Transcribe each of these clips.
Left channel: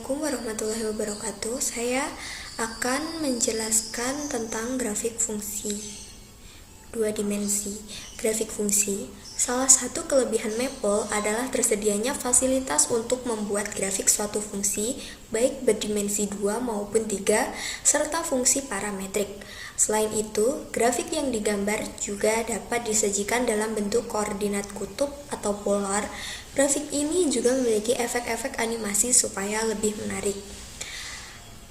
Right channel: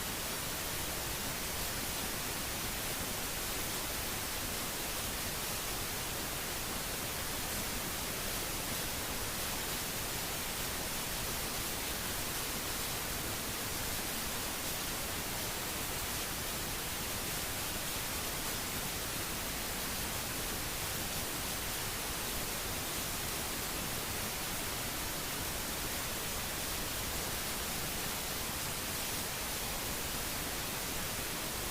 Assalamualaikum warahmatullahi wabarakatuh. Saya akan menjelaskan tentang grafik fungsi dua dimensi. Grafik fungsi. Salah satu kelebihan Maple adalah tersedianya fasilitas untuk membuat grafik suatu fungsi, baik berdimensi 2 maupun 3, serta fungsi parametrik. Selain itu, grafik yang digambar juga dapat disajikan dalam bentuk koordinat kutub atau polar. Grafik ini juga memiliki efek-efek animasi supaya lebih menarik.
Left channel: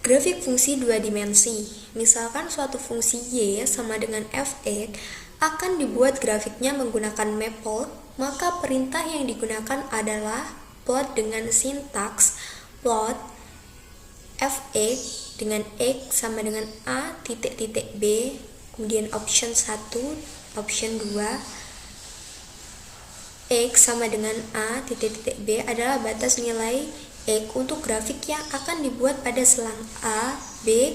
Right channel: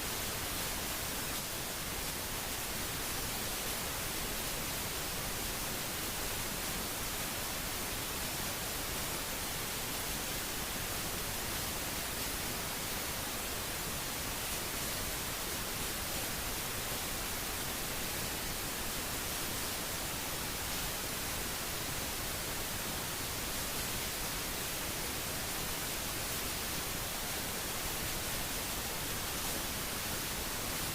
Grafik fungsi dua dimensi. Misalkan suatu fungsi y sama dengan f(x) akan dibuat grafiknya menggunakan Maple, maka perintah yang digunakan adalah plot dengan sintaks plot f(x) dengan x sama dengan a titik b, kemudian option 1, option 2, x sama dengan a titik b adalah batas nilai x untuk grafik yang akan dibuat pada selang a, b,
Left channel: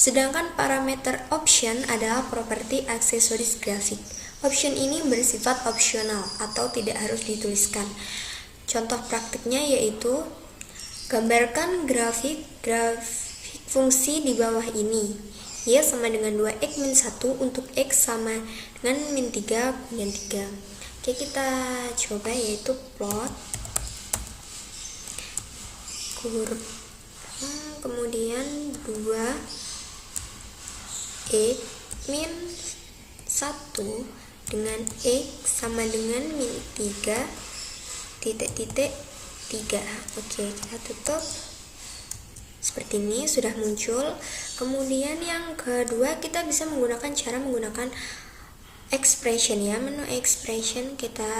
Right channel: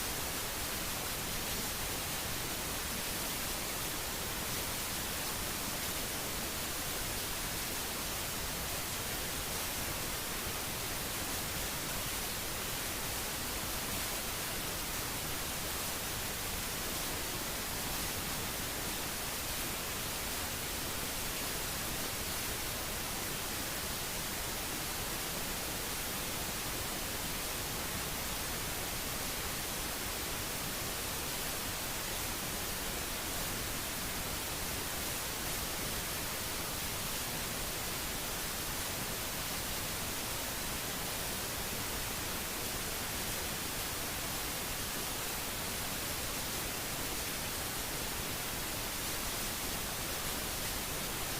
sedangkan parameter option adalah properti aksesoris grafik. Option ini bersifat opsional atau tidak harus dituliskan. Contoh praktiknya yaitu gambarkan grafik fungsi di bawah ini. Y sama dengan 2x min 1 untuk x sama dengan min 3 dan 3. Oke, kita coba yaitu plot kurva, kemudian 2x min 1 dengan x sama dengan min 3 titik 3. Oke, kita tutup. Seperti ini sudah muncul. Kemudian yang kedua, kita bisa menggunakan expression ya, menu expression kita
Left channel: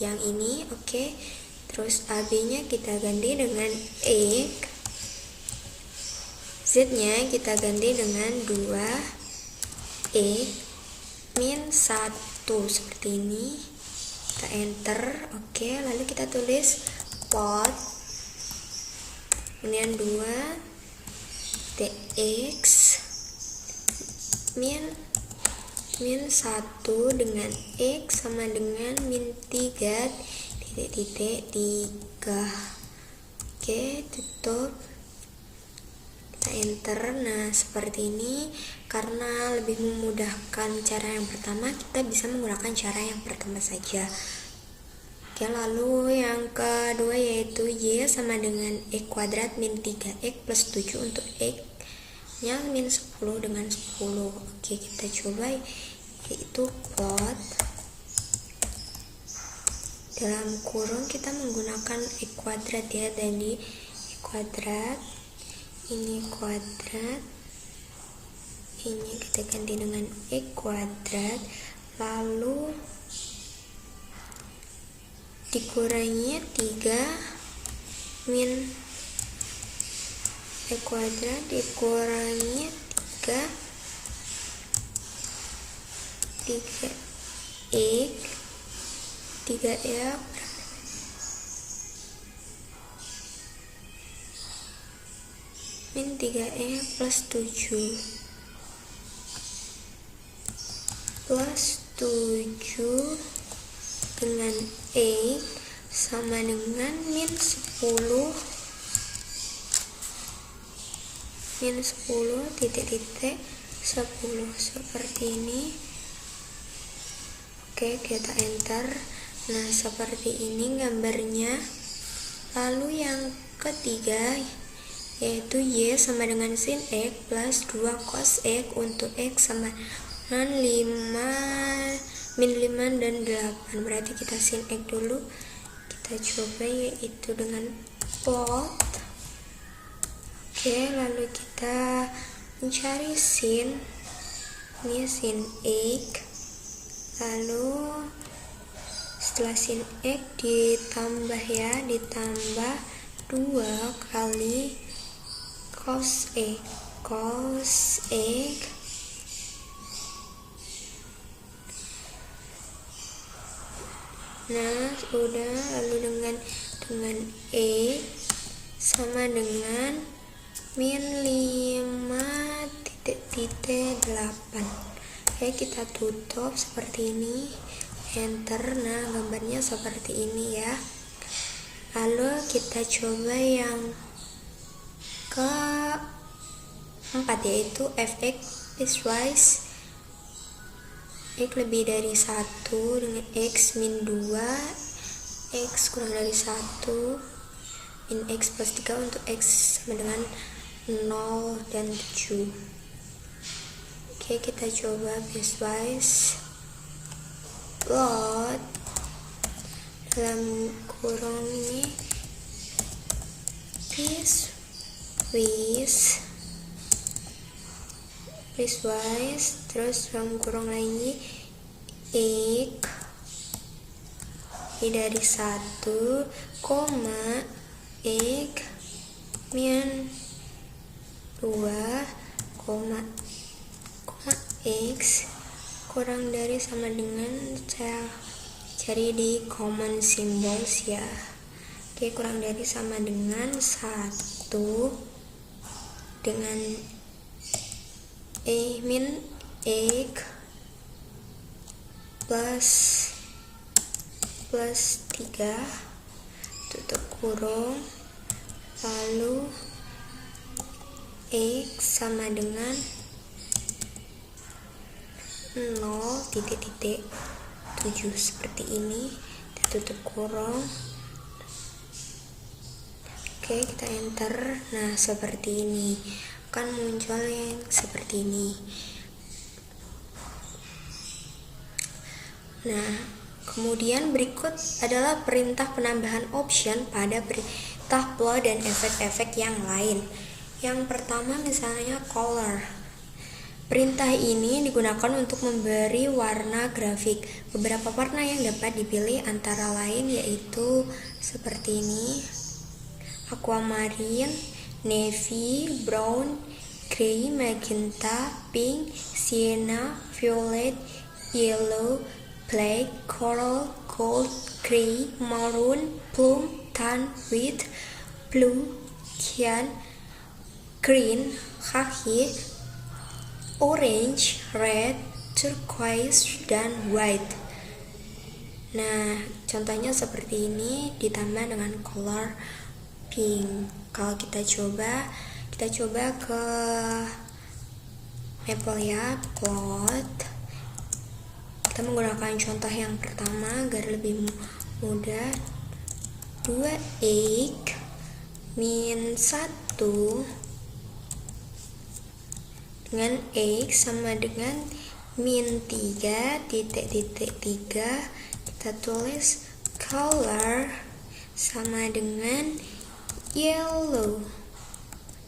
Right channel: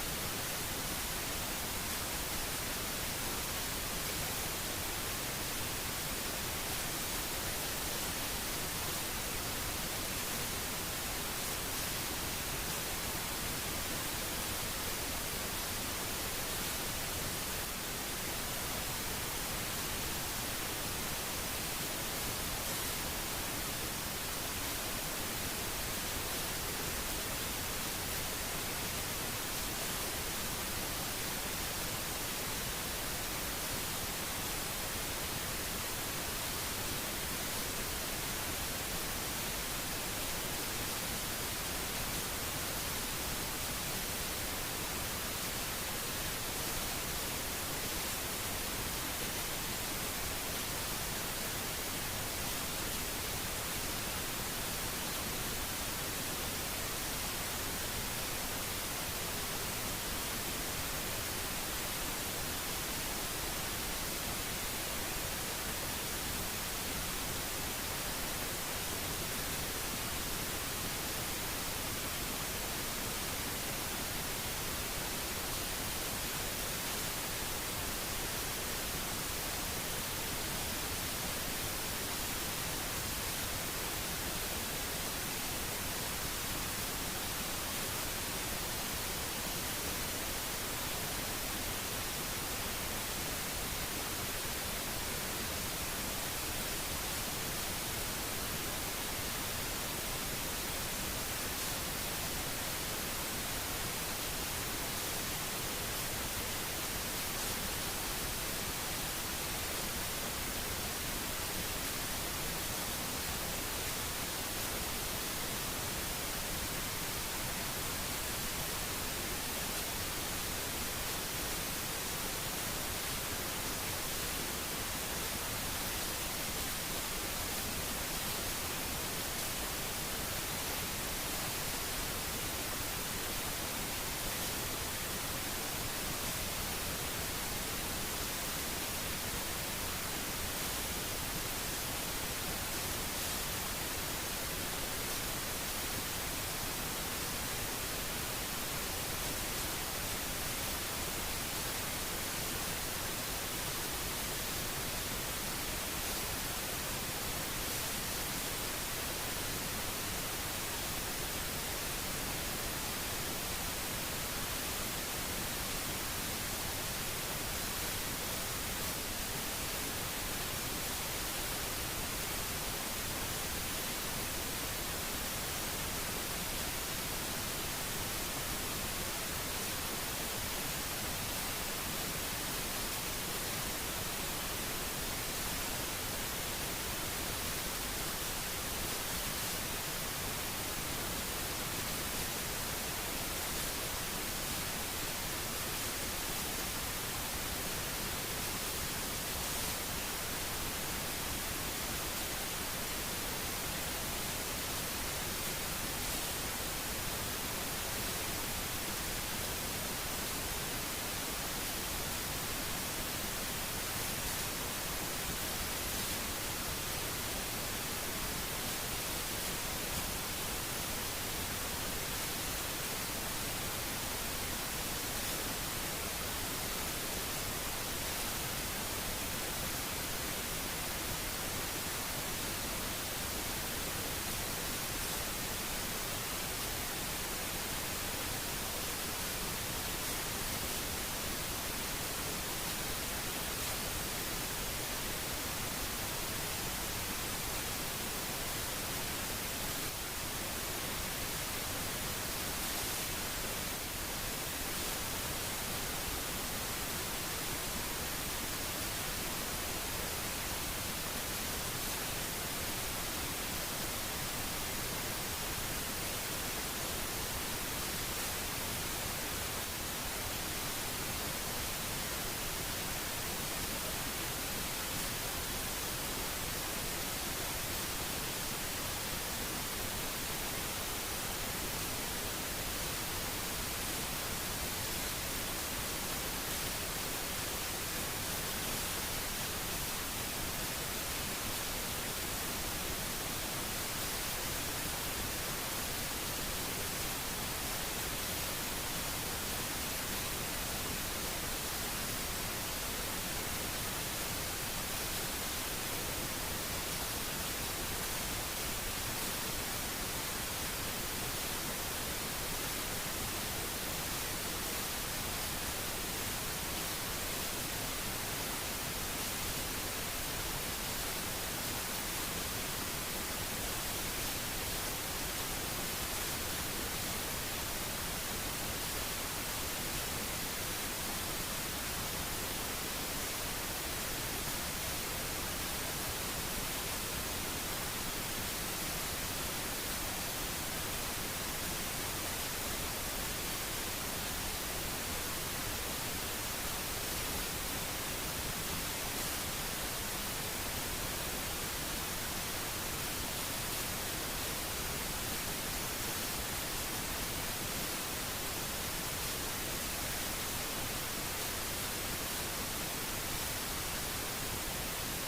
yang ini. Oke. Terus AB nya kita ganti dengan E, Z nya kita ganti dengan 2E min 1 seperti ini. Kita enter. Oke, lalu kita tulis plot kemudian 2 dx min 1 dengan x sama dengan min 3 titik 3. Oke, tutup, kita enter. Nah, seperti ini. Karena lebih memudahkan cara yang pertama, kita bisa menggunakan cara yang pertama saja. Oke, lalu yang kedua yaitu y sama dengan x kuadrat min 3x plus 7 untuk x nya min 10 dengan 10. Oke, kita coba yaitu plot dalam kurung kita menggunakan x kuadrat ya, dari x kuadrat ini kuadrat ini kita ganti dengan x kuadrat, lalu dikurangi 3 min x kuadrat dikurangi 3x 3x min 3x plus 7 dengan x sama dengan min 10 titik 10 seperti ini. Oke, kita enter. Nah, seperti ini gambarnya. Lalu yang ketiga yaitu y sama dengan sin x plus 2 cos x untuk x sama dengan 5 min 5 dan 8. Berarti kita sin x dulu. Kita coba yaitu dengan plot. Oke, lalu kita mencari sin. Ini sin x. Lalu setelah sin x ditambah 2 kali cos x. Nah, udah. Lalu dengan e sama dengan min 5 titik 8. Oke, kita tutup seperti ini, enter. Nah, gambarnya seperti ini ya. Lalu kita coba yang keempat, yaitu fx piecewise x lebih dari 1 dengan x min 2, x kurang dari 1, min x plus 3 untuk x sama dengan 0 dan 7. Oke, kita coba piecewise plot dalam kurung ini piecewise terus dalam kurung ini x lebih dari 1, koma x min 2, koma x kurang dari sama dengan cari di common symbols ya. Oke, kurang dari sama dengan 1 dengan min x plus 3 tutup kurung, lalu x sama dengan 0,7 seperti ini, tutup kurung. Oke, kita enter. Nah, seperti ini akan muncul yang seperti ini. Nah, kemudian berikut adalah perintah penambahan option pada perintah plot dan efek-efek yang lain. Yang pertama misalnya color. Perintah ini digunakan untuk memberi warna grafik. Beberapa warna yang dapat dipilih antara lain yaitu seperti ini: aquamarine, navy, brown, gray, magenta, pink, sienna, violet, yellow, black, coral, gold, gray, maroon, plum, tan, white, blue, cyan, green, khaki, orange, red, turquoise, dan white. Nah, contohnya seperti ini ditambah dengan color pink. Kalau kita coba ke Apple ya, plot. Kita menggunakan contoh yang pertama agar lebih mudah. 2x min 1 dengan x sama dengan min 3 titik 3. Kita tulis color sama dengan yellow.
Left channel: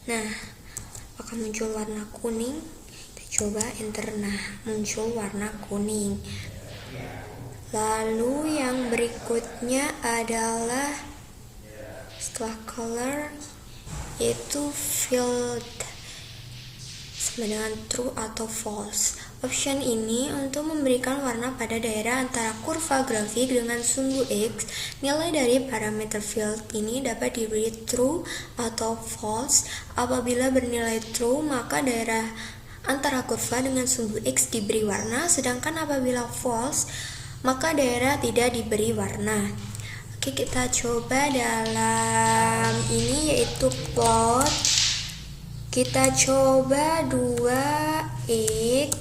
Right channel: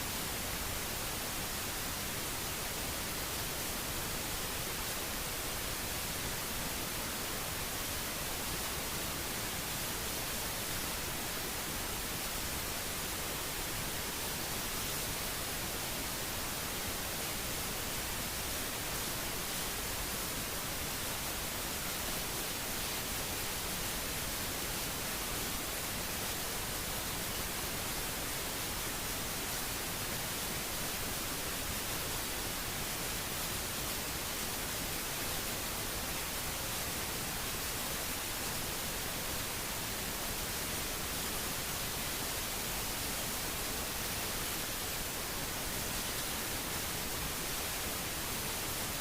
Nah, akan muncul warna kuning. Coba enter. Nah, muncul warna kuning. Lalu yang berikutnya adalah setelah color yaitu field sama dengan true atau false. Option ini untuk memberikan warna pada daerah antara kurva grafik dengan sumbu X. Nilai dari parameter field ini dapat diberi true atau false. Apabila bernilai true, maka daerah antara kurva dengan sumbu X diberi warna, sedangkan apabila false, maka daerah tidak diberi warna. Oke, kita coba dalam ini yaitu plot. Kita coba 2x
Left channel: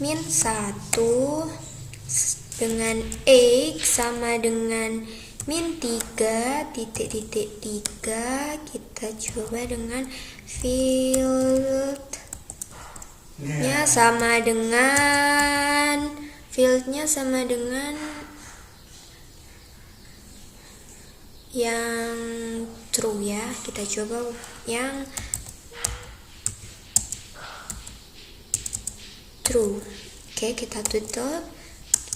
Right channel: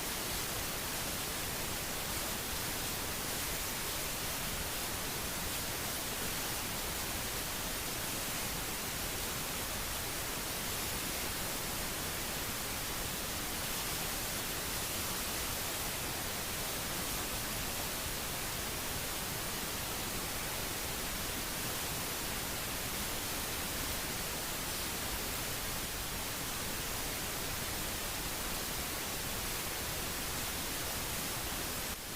min 1 dengan x sama dengan min 3 titik 3. Kita coba dengan fieldnya sama dengan yang true ya. Kita coba yang true. Oke, kita tutup,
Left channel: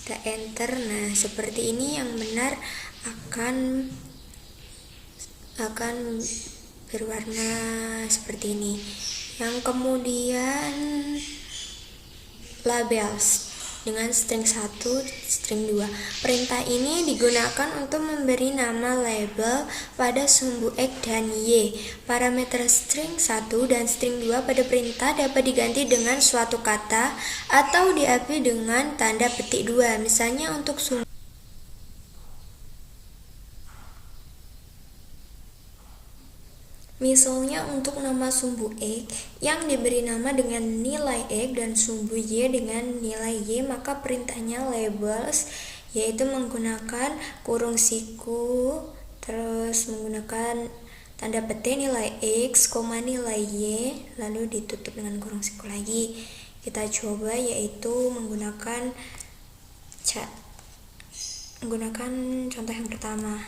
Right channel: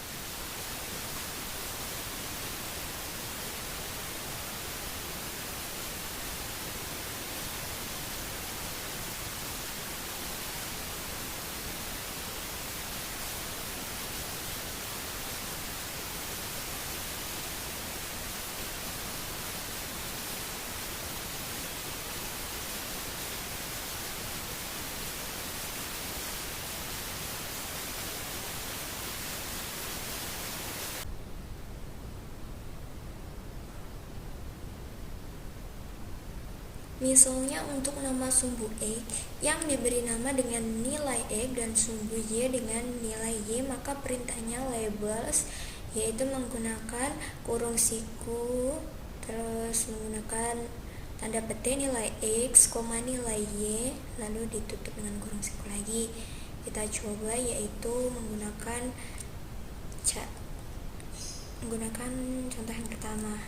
kita enter. Nah, seperti ini yang benar akan berwarna seperti ini. Yang kemudian labels dengan string 1, string 2. Perintah ini digunakan untuk memberi nama label pada sumbu X dan Y. Parameter string 1 dan string 2 pada perintah dapat diganti dengan suatu kata atau diakui dengan tanda petik 2. Misalnya untuk sumbu Misalnya untuk nama sumbu X yang diberi nama dengan nilai X dan sumbu Y dengan nilai Y, maka perintahnya labels, yaitu menggunakan kurung siku, terus menggunakan tanda petik nilai X, nilai Y, lalu ditutup dengan kurung siku lagi. Kita coba, yaitu menggunakan contoh yang pertama,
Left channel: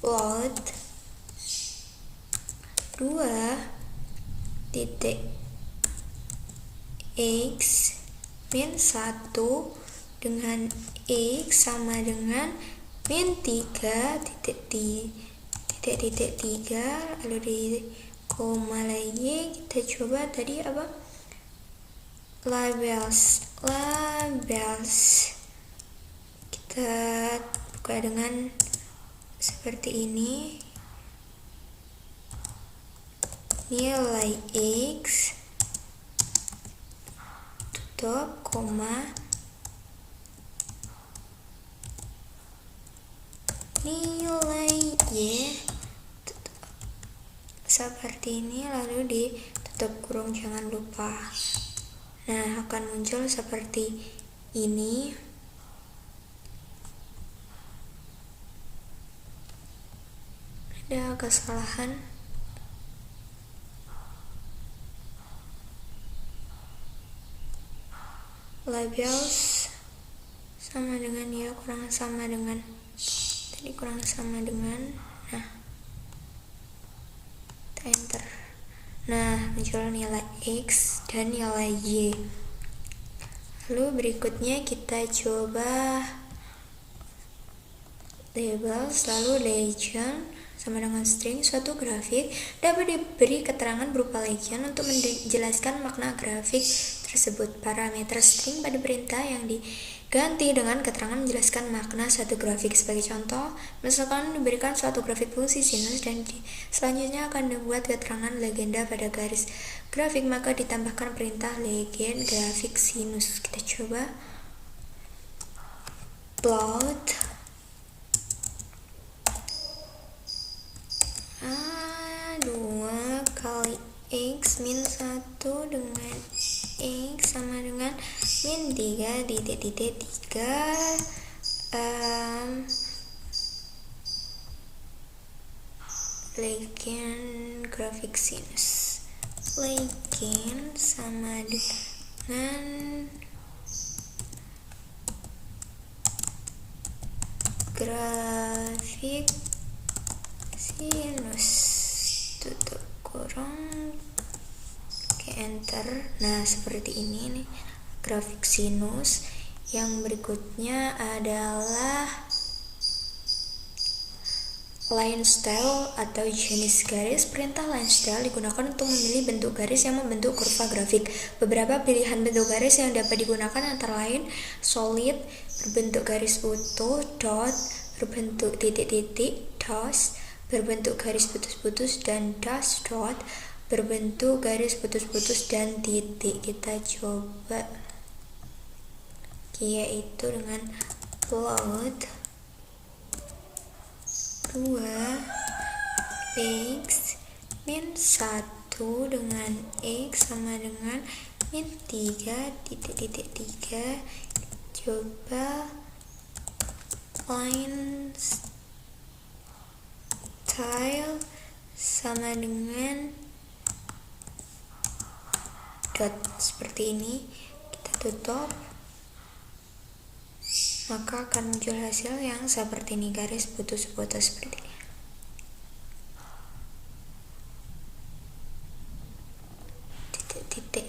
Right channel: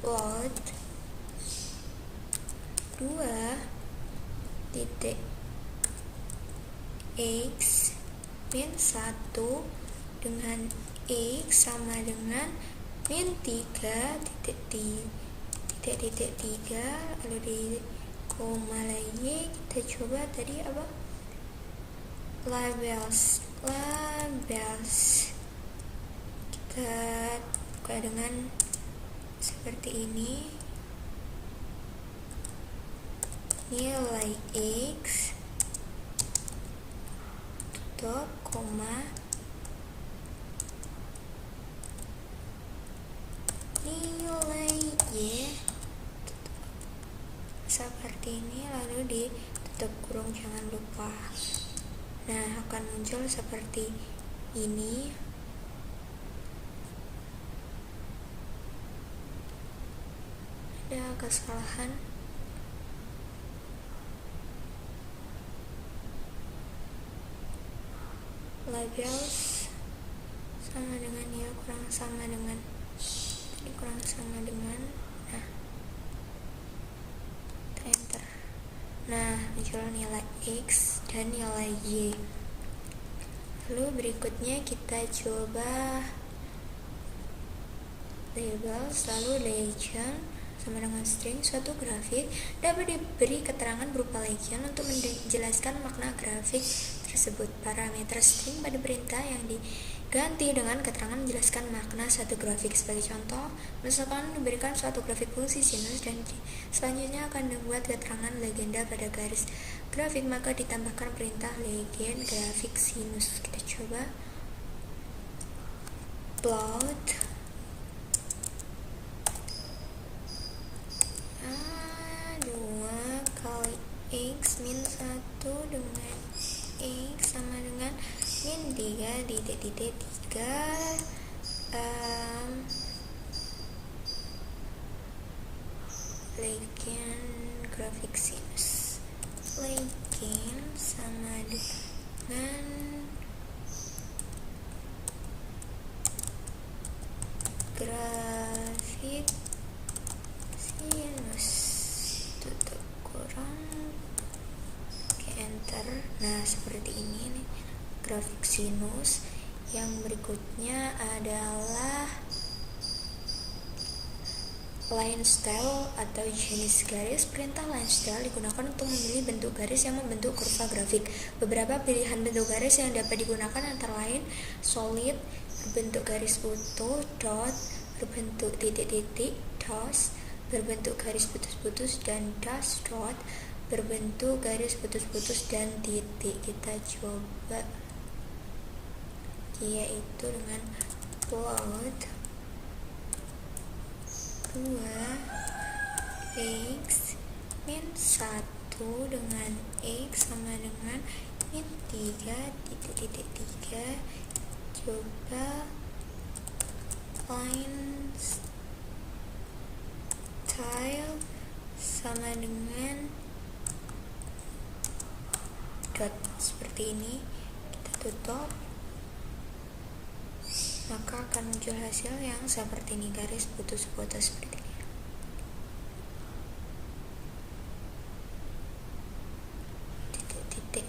load 2.x min 1 dengan x sama dengan min 3.3, lalu di koma lagi. Kita coba tadi apa, labels kita buka dengan seperti ini, nilai X tutup koma nilai Y tutup. Seperti ini, lalu ditutup kurung, jangan lupa. Nah, akan muncul seperti ini. Ada kesalahan. Labels sama dengan, ya kurang sama dengan tadi, kurang sama dengan. Nah, kita enter. Nah, muncul nilai X dan nilai Y. Lalu berikutnya kita coba labels, lalu legend sama dengan string. Suatu grafik dapat diberi keterangan berupa legend untuk menjelaskan makna grafik tersebut. Parameter string pada perintah yang diganti dengan keterangan menjelaskan makna suatu grafik. Sebagai contoh, misalkan diberikan suatu grafik fungsi sinus dan selanjutnya akan dibuat keterangan legenda pada garis grafik, maka ditambahkan perintah legend grafik sinus. Kita coba plot 2 kali X min 1 dengan X sama dengan min 3.3 legend grafik sinus. Legend sama dengan grafik sinus, tutup kurung, oke, enter. Nah, seperti ini nih grafik sinus. Yang berikutnya adalah line style atau jenis garis. Perintah line style digunakan untuk memilih bentuk garis yang membentuk kurva grafik. Beberapa pilihan bentuk garis yang dapat digunakan antara lain solid, berbentuk garis utuh, dot, berbentuk titik-titik, dash, berbentuk garis putus-putus, dan dash dot, berbentuk garis putus-putus dan titik. Kita coba, yaitu dengan plot 2x min 1 dengan x sama dengan min 3.3. Coba line style sama dengan dot, seperti ini. Kita tutup, maka akan muncul hasil yang seperti ini, garis putus-putus seperti ini. Titik-titik.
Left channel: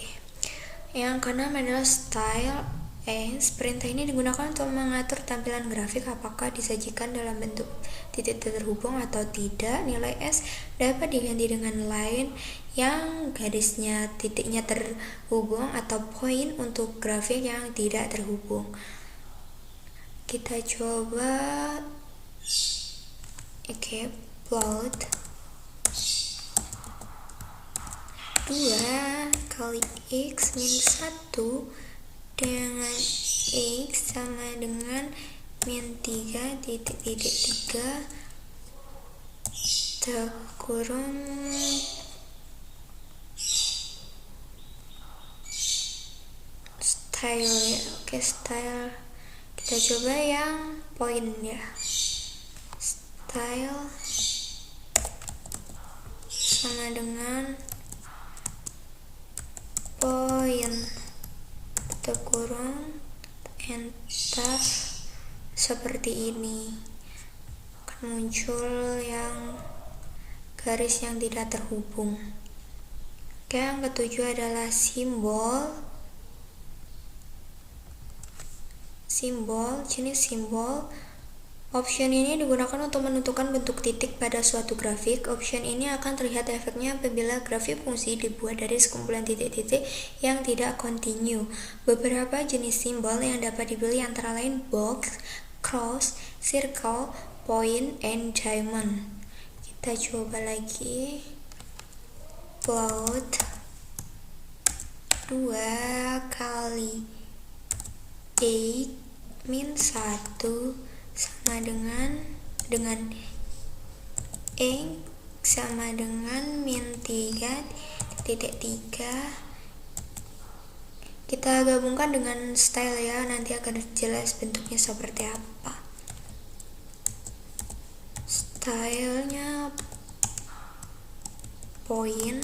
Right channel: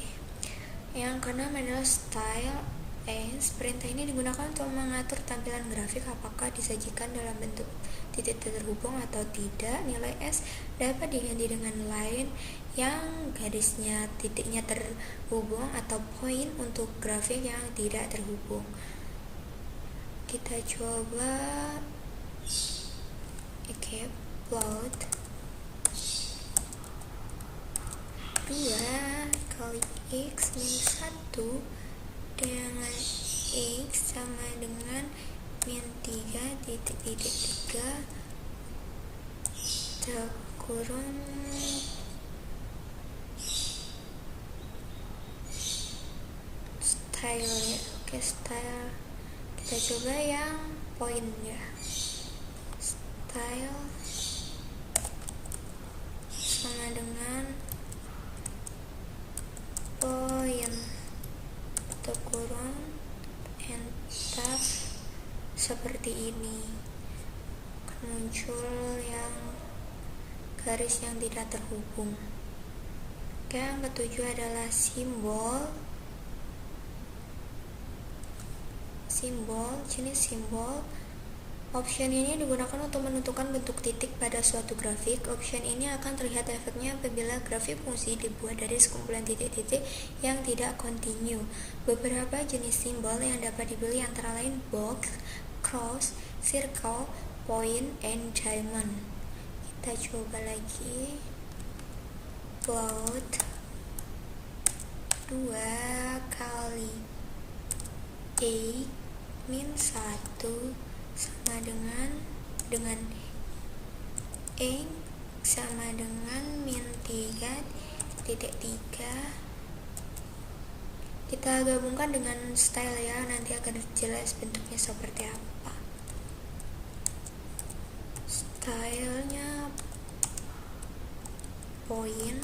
Yang keenam adalah style as. Perintah ini digunakan untuk mengatur tampilan grafik, apakah disajikan dalam bentuk titik terhubung atau tidak. Nilai S dapat diganti dengan line yang garisnya titiknya terhubung atau point untuk grafik yang tidak terhubung. Kita coba, oke, plot 2 kali x min 1 dengan x sama dengan min 3.3 kurung style ya. Oke, style kita coba yang point ya. Style sama dengan point, tutup kurung, enter. Seperti ini akan muncul yang garis yang tidak terhubung. Oke, yang ketujuh adalah simbol. Jenis simbol. Option ini digunakan untuk menentukan bentuk titik pada suatu grafik. Option ini akan terlihat efeknya apabila grafik fungsi dibuat dari sekumpulan titik-titik yang tidak kontinu. Beberapa jenis simbol yang dapat dipilih antara lain box, cross, circle, point, and diamond. Kita coba lagi. Plot 2 kali 8 min 1 sama dengan X sama dengan min 3 titik 3. Kita gabungkan dengan style ya, nanti akan jelas bentuknya seperti apa. Stylenya point,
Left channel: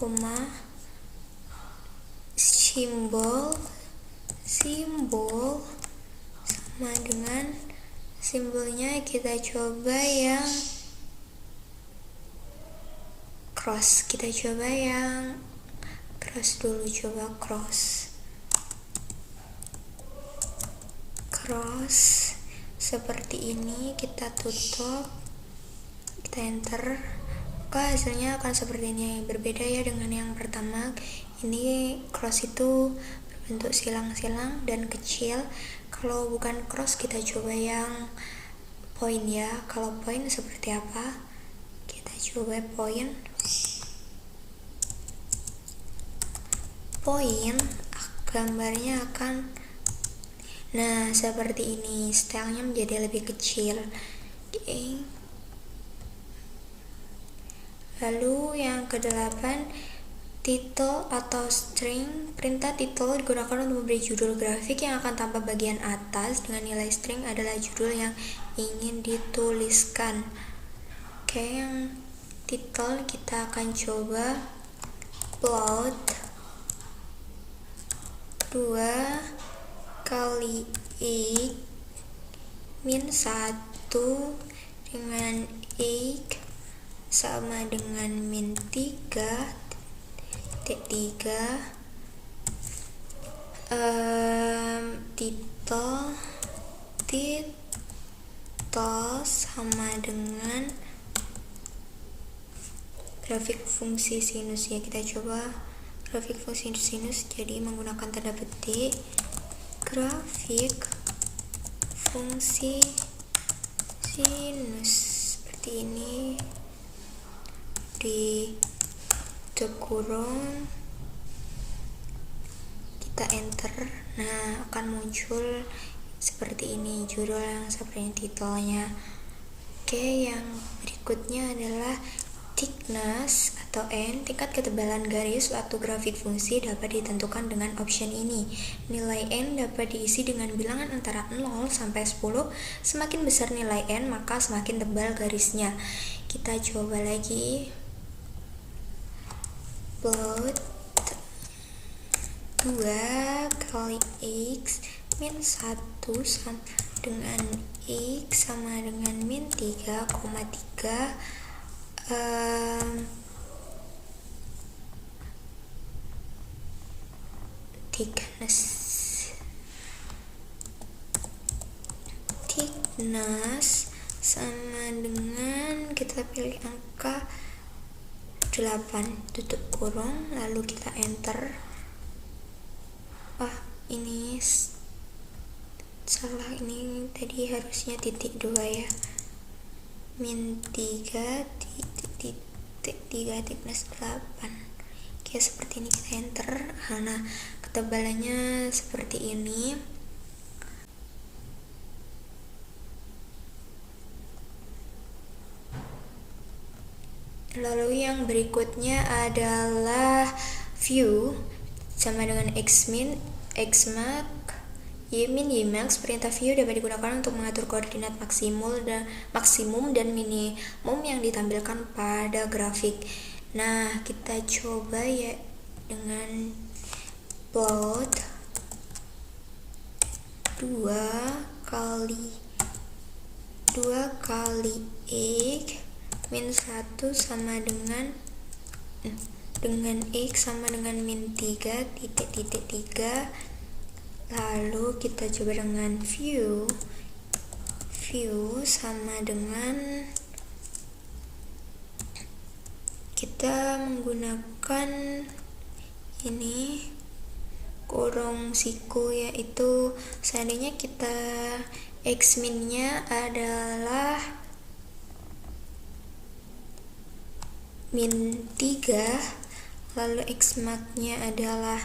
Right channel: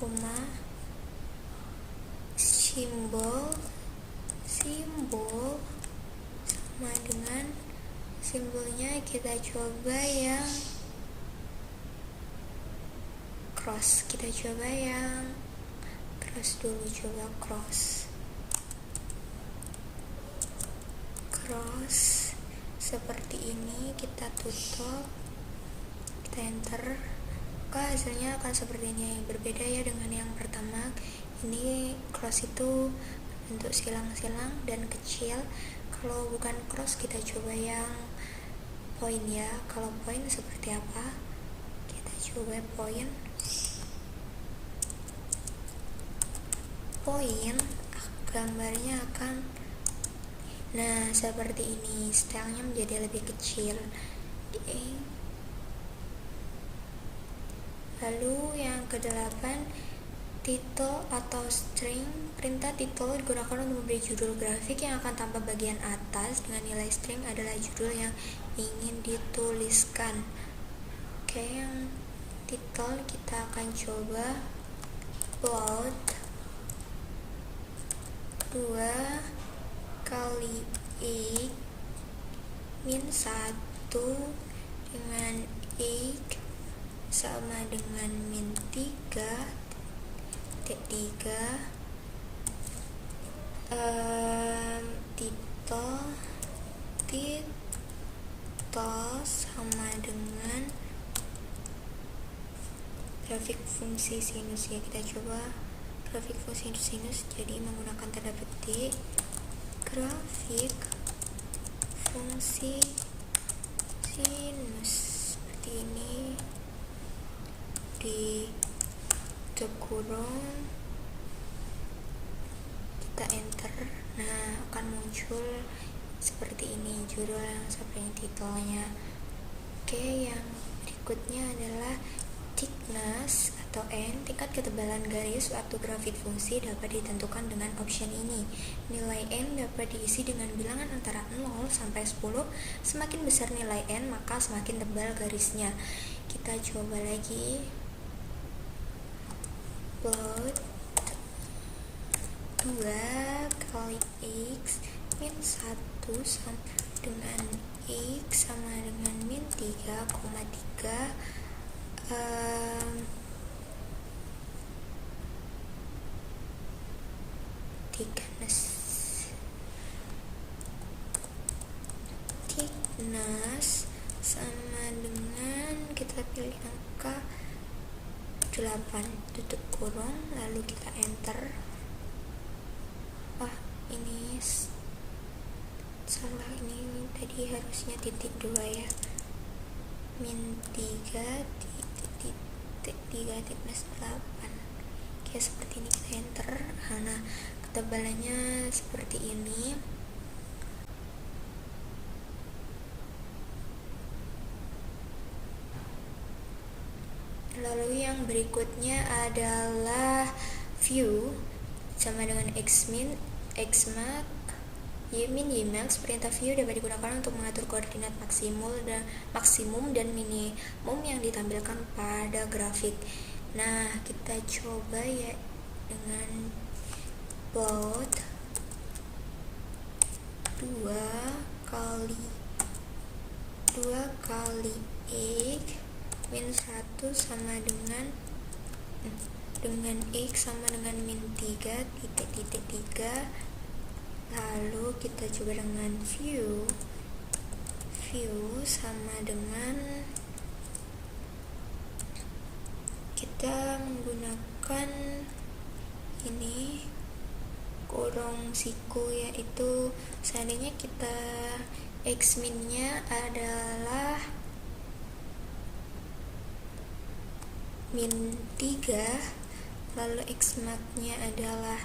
koma, simbol sama dengan simbolnya kita coba yang cross. Kita coba yang cross dulu, coba cross seperti ini. Kita tutup, kita enter. Maka hasilnya akan seperti ini. Berbeda ya dengan yang pertama. Ini cross itu berbentuk silang-silang dan kecil. Kalau bukan cross kita coba yang point ya. Kalau point seperti apa? Kita coba point, gambarnya akan seperti ini. Stylenya menjadi lebih kecil. Oke. Lalu yang ke-8, title atau string. Perintah title digunakan untuk memberi judul grafik yang akan tampak bagian atas, dengan nilai string adalah judul yang ingin dituliskan. Oke, yang title kita akan coba plot 2 kali X min 1 dengan X sama dengan min 3 titik 3. title sama dengan grafik fungsi sinus ya. Kita coba grafik fungsi sinus, jadi menggunakan tanda petik. Grafik fungsi sinus seperti ini, di kurung, kita enter. Akan muncul seperti ini judul yang seperti titelnya. Oke, yang berikutnya adalah thickness atau N. Tingkat ketebalan garis suatu grafik fungsi dapat ditentukan dengan option ini. Nilai N dapat diisi dengan bilangan antara 0 sampai 10. Semakin besar nilai N, maka semakin tebal garisnya. Kita coba lagi. Plot 2 kali X min 1 sama dengan X sama dengan min 3,3. thickness sama dengan, kita pilih angka 8, tutup kurung, lalu kita enter. Ini salah, ini tadi harusnya titik 2 ya. min 3 thickness 8. Oke, seperti ini, kita enter. Ketebalannya seperti ini. Lalu yang berikutnya adalah view sama dengan xmin, xmax, ymin, ymax. Perintah view dapat digunakan untuk mengatur koordinat maksimum dan minimum yang ditampilkan pada grafik. Nah, kita coba ya dengan plot 2 kali x min 1 sama dengan x sama dengan min 3 titik 3. Lalu kita coba dengan view sama dengan kita menggunakan ini kurung siku, yaitu seandainya kita x minnya adalah min 3, lalu x max-nya adalah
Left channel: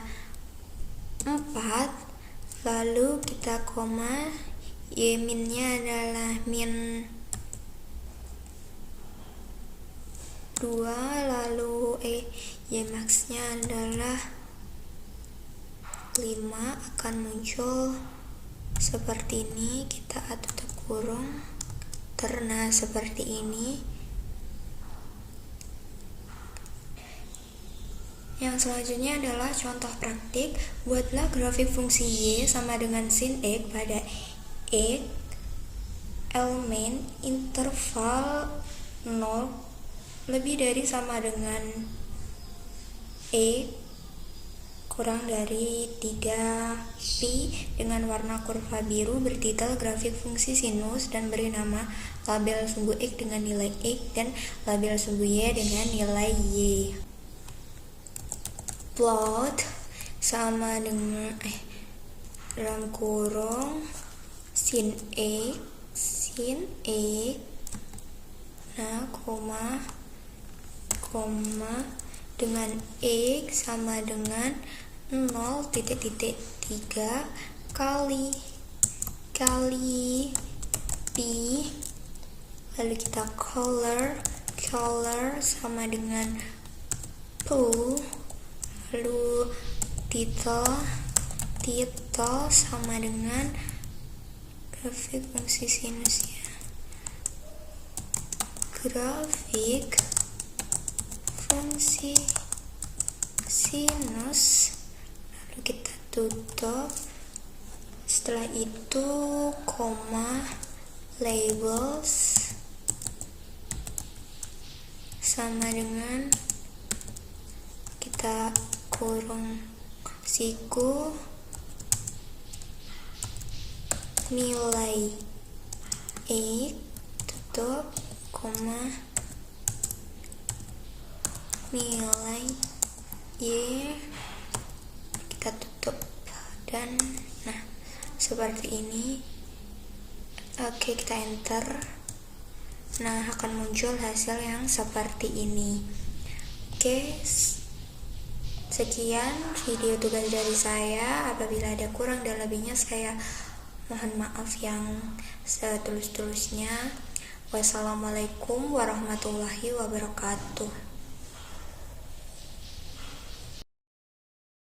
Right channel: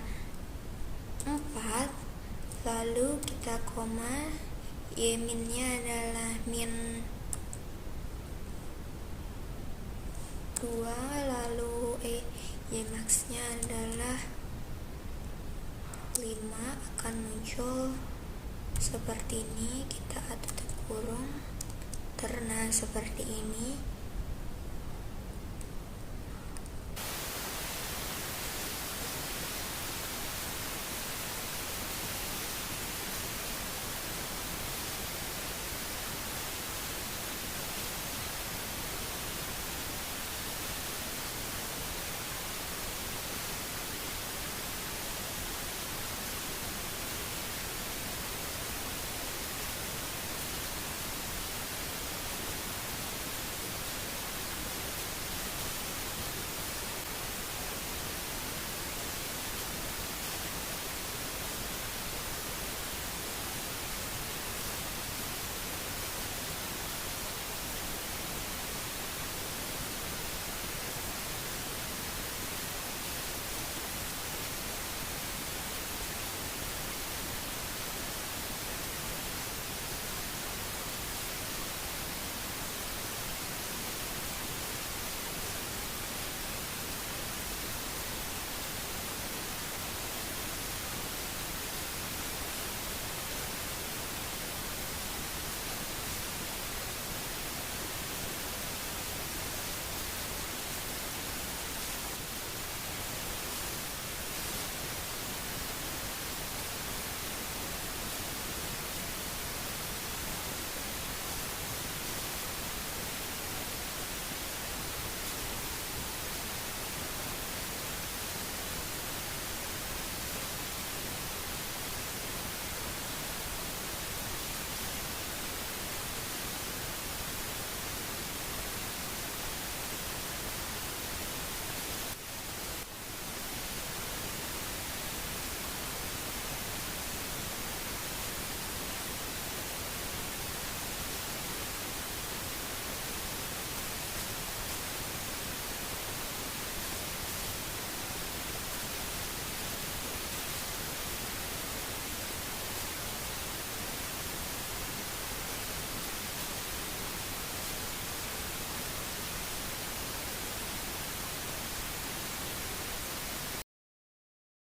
4, lalu kita koma, y min-nya adalah min 2, lalu y max-nya adalah 5, akan muncul seperti ini. Kita tutup kurung, karena seperti ini. Yang selanjutnya adalah contoh praktik. Buatlah grafik fungsi y sama dengan sin x pada x elemen interval 0 lebih dari sama dengan kurang dari 3 pi dengan warna kurva biru, bertitel grafik fungsi sinus dan beri nama label sumbu x dengan nilai x dan label sumbu y dengan nilai y. Plot sama dengan dalam kurung sin e nah koma dengan x sama dengan 0,3 kali pi, lalu kita color sama dengan 2, lalu title sama dengan grafik fungsi sinus, grafik fungsi sinus. Kita tutup, setelah itu koma, labels sama dengan kita kurung siku nilai x, tutup, koma, nilai y, kita tutup, dan nah seperti ini. Oke, kita enter. Nah, akan muncul hasil yang seperti ini. Oke, sekian video tugas dari saya. Apabila ada kurang dan lebihnya, saya mohon maaf yang setulus-tulusnya. Wassalamualaikum warahmatullahi wabarakatuh.